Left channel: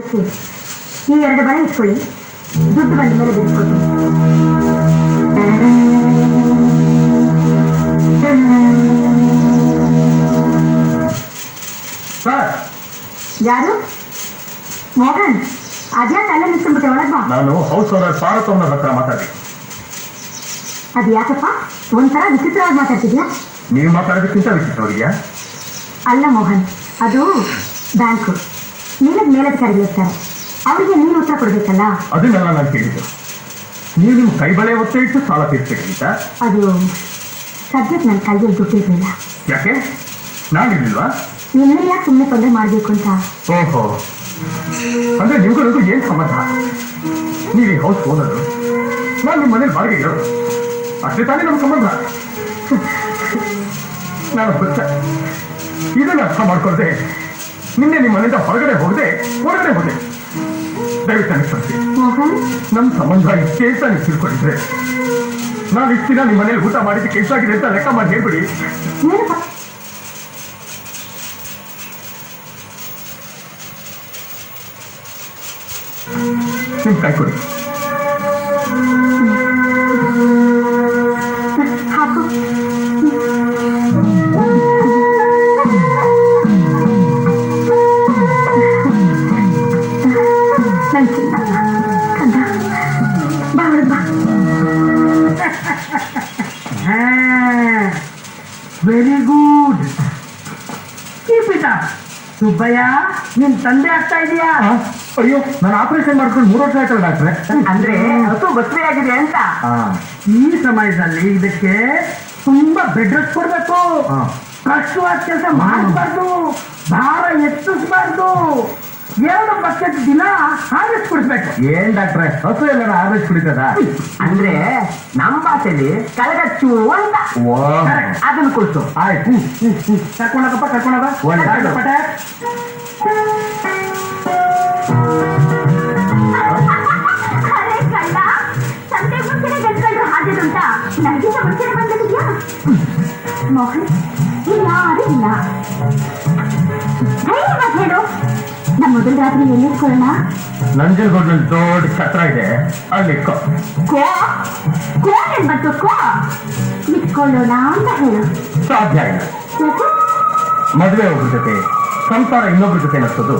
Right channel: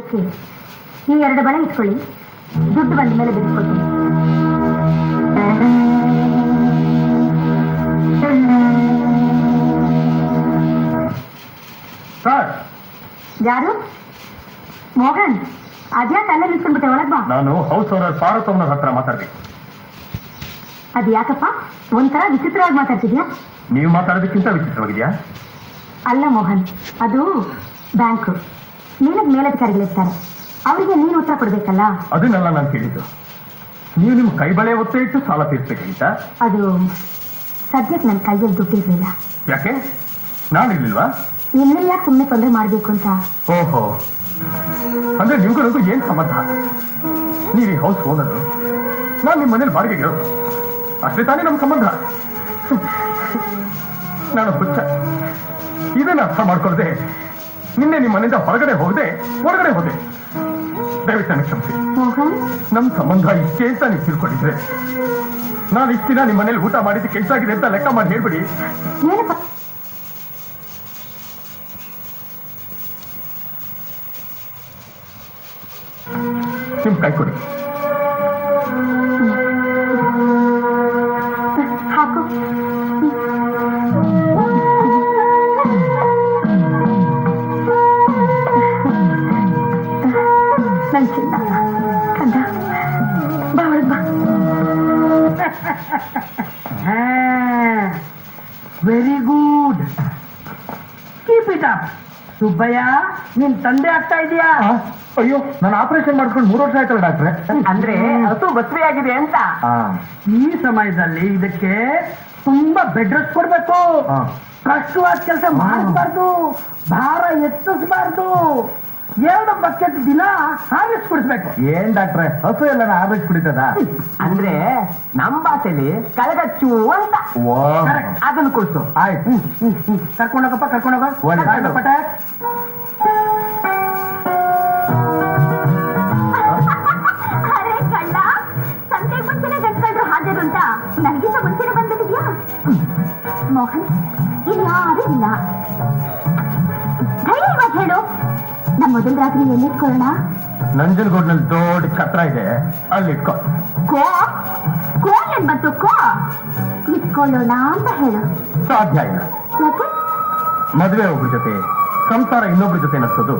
ಈ 2 ಬಳೆ ಇಟ್ಕೊಳ್ಳಿ, ದುಡ್ಡು ಬಂದ ಮೇಲೆ ಬಿಟ್ಕೊಡ್ತೀನಿ. ಯಾರು? ಮೋಹನ್, ಅದ್ಯಾಕೆ ಅಲ್ಲ ನಿಂತ್ಕೊಂಡ್ಬಿಟ್ಟೆ? ಒಳಗ್ ಬಾ. ನಾನು ಹೌಸ್ ಓನರ್ ಪಾರ್ವತಮ್ಮನ ಹತ್ರ ಮಾತಾಡ್ತೀನಿ. ಅದು ಯಾಕಪ್ಪ ಒಂಥರ ವಿಚಿತ್ರವಾಗಿ ಮಾತಾಡ್ತಿದ್ಯಾ? ನೀವು ಮಾತಾಡೋದಕ್ಕಿಂತ ವಿಚಿತ್ರವಾಗಿದ್ಯಾ? ಅಲ್ಲ ಮೋಹನ್, ಅದು ಬ್ಯಾಂಕು. ನೀನಕ್ಕೆ ಮೇಲಧಿಕಾರಿಗಳಿರ್ತಾರೆ, ಅವರಿಗೆ ನೀನು ಉತ್ತರ ಕೊಡ್ಬೇಕಲ್ಲ. ಅದನ್ನೆಲ್ಲ ನಾನು ಕೇಳಿದ್ದು. ನೀವು ನಿಮ್ಮ ಕೈ ಬಳೆ ಒತ್ತೆ ಇಟ್ಟು ಸಾಲ ತೀರ್ಸಬೇಕಂತ. ಅದು ಸದ್ಯಕ್ಕೆ ನನ್ನ ಕೈಯಲ್ಲಿ ದುಡ್ಡಿರಲಿಲ್ಲ. ಯಾಕೆ? ನಾನಿರ್ಲಿಲ್ವಾ? ನಿನ್ನೆ ಯಾಕೆ ಸುಮ್ಮನೆ ತೊಂದರೆ ಮಾಡಬೇಕು ಅಂತ. ಓಹೋ, ಅಂದ್ರೆ ನಿಮ್ಗೂ ಏನ್ ಸಂಬಂಧ? ನೀವು ಹೌಸ್ ಓನರು, ನಾನು ನಿಮ್ಮ ಮನೇಲಿ ಬಾಡಿಗೆ ಇರೋದು, ಅಷ್ಟೇ ತಾನೇ ನಮ್ಮ ಸಂಬಂಧ. ನಾನು ಇದನ್ನ ಅರ್ಥ ಮಾಡ್ಕೊಳ್ದೆ ನಿನ್ನೆ ನಿಮ್ಮ ಮನೆಯಿಂದ ಹೊರಗಡೆ ಹೋಗದೆ ದಯವಿಟ್ಟು ನನಗೆ ಕ್ಷಮಿಸಿ. ನಮ್ಮ ಸಂಬಂಧ ಇಷ್ಟೇ ಅಂತ ನೀವು ತಿಳ್ಕೊಂಡಿದ್ರೆ ನಾನು ಇಷ್ಟು ದಿನ ನಿಮ್ಮ ಮನೇಲಿ ಊಟ ಮಾಡಿದ್ದಕ್ಕೆ ಎಷ್ಟಾಗಿದೆ ಅಂತ ಲೆಕ್ಕ ಮಾಡಿ ಹೇಳ್ಬಿಡಿ. ನಿಮ್ ಕೈ ಕೊಡಿ. Very good. ಸುಬ್ಬಯ್ಯ, ನಿನ್ ತಂದೆ ಆಗ್ತಾ ಇದೆಯಾ? ಅಯ್ಯೋ, ನಾನು ಆಪರೇಷನ್ ಮಾಡ್ಕೊಂಡು 3 ವರ್ಷ ಆಯ್ತಲ್ಲ ಡಾಕ್ಟ್ರೆ. ಅಂದ್ರೆ ಹಸು ಬಸ್ರಿ ಆಗಿದೆ ಅಂತ. ಈ ಸಮಯದಲ್ಲಿ ಇದಕ್ಕೆ ತುಂಬಾ ಬೆಡ್ ರೆಸ್ಟ್ ಕೊಡ್ಬೇಕು. ಕಷ್ಟವಾದ ಕೆಲಸ ಮಾಡಬಾರ್ದು, ಭಾರ ಎತ್ತಿಸಬಾರ್ದು. 2 ಬಕೆಟ್ ದಿನ ಹಾರ್ಲಿಕ್ಸ್ ಕುಡಿಸ್ಬೇಕು. ಏನ್ ಡಾಕ್ಟ್ರೆ, ಹಸು ಎಲ್ಲಾರ ಹಾರ್ಲಿಕ್ಸ್ ಕುಡಿತದ? ಅಂದ್ರೆ ನಮ್ಮ ಭಾಷೆಯಲ್ಲಿ ಕಳಗಚ್ಚು ಅಂತ. ಅದನ್ನ ಕುಡಿಸು. ಆಯ್ತು, ಕರ್ಕೊಂಡೋಗಪ್ಪ, ಕರ್ಕೊಂಡೋಗ. ಪಟ ಮೋಹನ್, ಯಾರು ಇಲ್ಲ. ಹೇಳು, ನಮ್ಮ ಮೊದಲ ರಾತ್ರಿ ಎಲ್ಲಿಟ್ಕೊಳ್ಳೋಣ? ನಂಜನಗೂಡ್ನಲ್ಲಿ ದೊಡ್ಡ ಛತ್ರ ಇದೆ, ಅಲ್ಲಿ ಏನ್ ಬಂತು? ಇಟ್ಕೊಳ್ಳೋಣ ಅಂತ ಹೇಳು. ಸಾಧ್ಯ ಇಲ್ಲ. ಮದುವೆ ಒಬ್ಬರ ಜೊತೆ ಸಂಸಾರ ಇನ್ನೊಬ್ರ ಜೊತೆ ನಡೆಸೋದು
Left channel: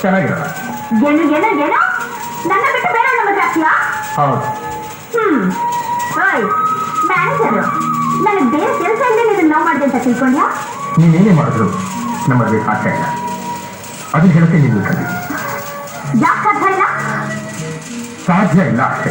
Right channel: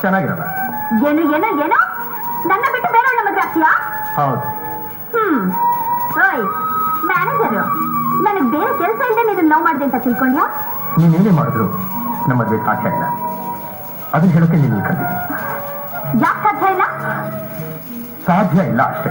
ಚೆನ್ನಾಗಿರಲ್ಲ. ಏನೋ ನನ್ನ ಬಿಟ್ಟು ಬೇರೆ ಮದುವೆ ಆಗ್ತೀಯಾ? ಹೌದು. ಮ್ಯಾನೇಜರು, ನನಗೆ ಬೇರೆ ಕೆಲಸ ಇಲ್ಲ, ನೀನು ಲವ್ ಮಾಡಿದೆ ಅಂತ ತಿಳ್ಕೊಂಡ್ಯಾ? ನೀನೇನೇ ಮಾಡಿದ್ರು ನಮ್ಮ ಮದುವೆ ಸಾಧ್ಯ ಇಲ್ಲ. ಅದನ್ನ ಹೇಳ್ತೀನಿ, ನೀವು ಯಾಕೆ ಸಾಧ್ಯ ಇಲ್ಲ? ಸಾಧ್ಯ ಇಲ್ಲ ಅಷ್ಟೇ.